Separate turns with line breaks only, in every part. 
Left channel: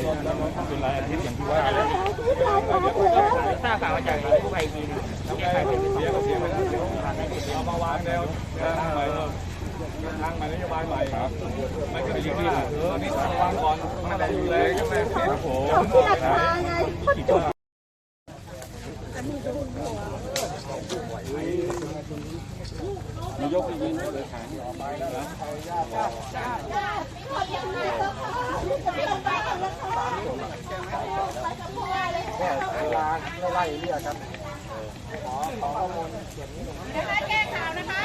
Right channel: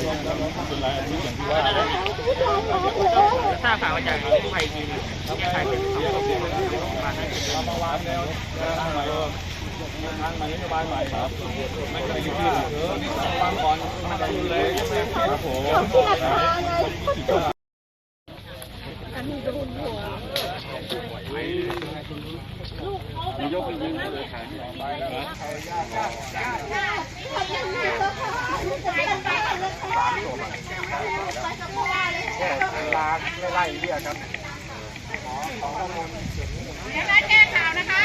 เป็นรายอาทิตย์อย่างที่ว่าแล้ว
ทราบข่าวว่าจะกู้ภัยทีนึงแก้ไขเป็นสองศพโรงพยาบาลได้เป็น
เรามาวางแนวทางใหม่ทางใหม่นโยบายใหม่ครับ ไม่ได้อยู่ว่าตอนนี้ต้องวางก่อนมาได้ดูแลใช่ไหมครับผมยกไปยิงเลยแขนออกไปแล้วนะลา ไล่เรียกครับขอขอข้อมูล
เดี๋ยวนะแจ้งข่าวนะคะ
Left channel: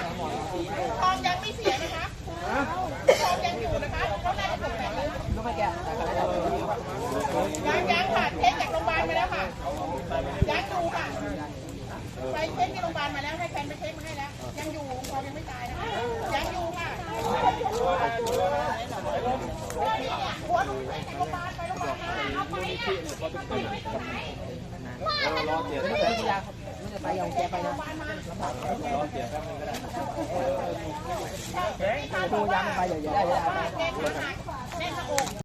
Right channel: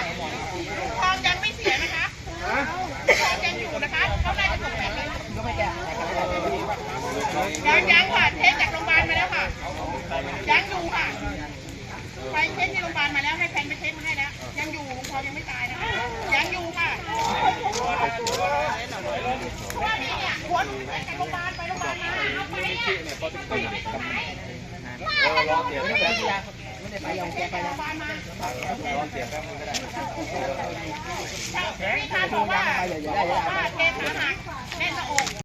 ทองยังไม่เสียนะคะทองยังอยู่นะคะก็ได้จะถูกแบบนี้ยังยังค่ะเทสจากโรงพยาบาลมาแล้วค่ะยังอยู่ค่ะไปเท ดูยำไปเลยอย่าได้
อย่าได้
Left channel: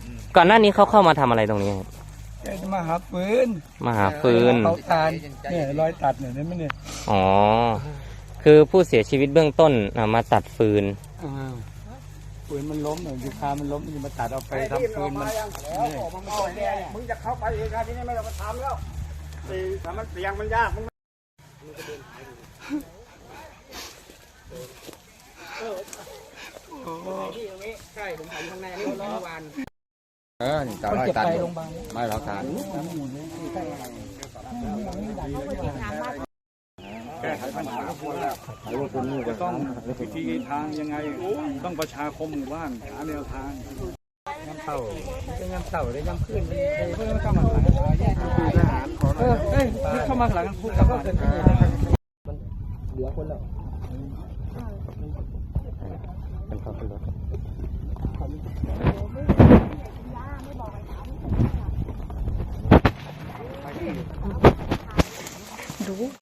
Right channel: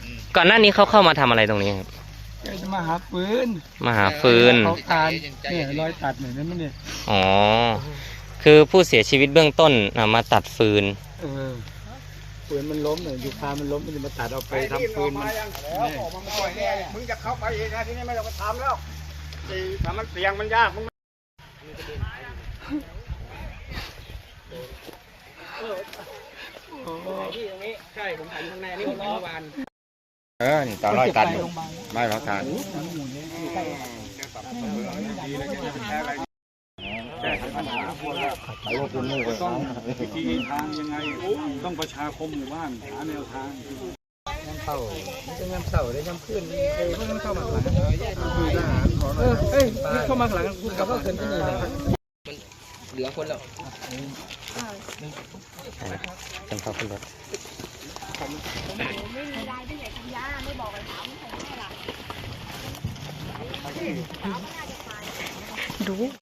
ก่อ
นหน้านี้เขาเข้ามาทำอะไรตรงนี้ครับ
จะมาหาปืน
มาหาฟืน
เขาตามเนี่ยรอยตัดเนี่ยนั่นมันเนี่ย
อ๋อ คือผู้เสียชีวิตเบื้องต้นอะมาตัดฟืน
เออปืนมันล้มเนี่ยยูคามันล้มมันจะมาตัดเอาไปทำปืนมัน
มึงจะเข้าไปเองนะที่นี่ไม่ต้องมาทำแล้วถ้ามันเสี่ยงมันยากมึง
เออนี่ ต่อร้อยตันไม่หลักฐานต้องวิธีทางยังไงต้องประชาคมหมู่บ้านหาแนวทาง
คือทหารขอหน่อยครับ
เอ้ยเข้ามาหลังพูดกับเกิน
เป็นเขาเป็นรถ d'eau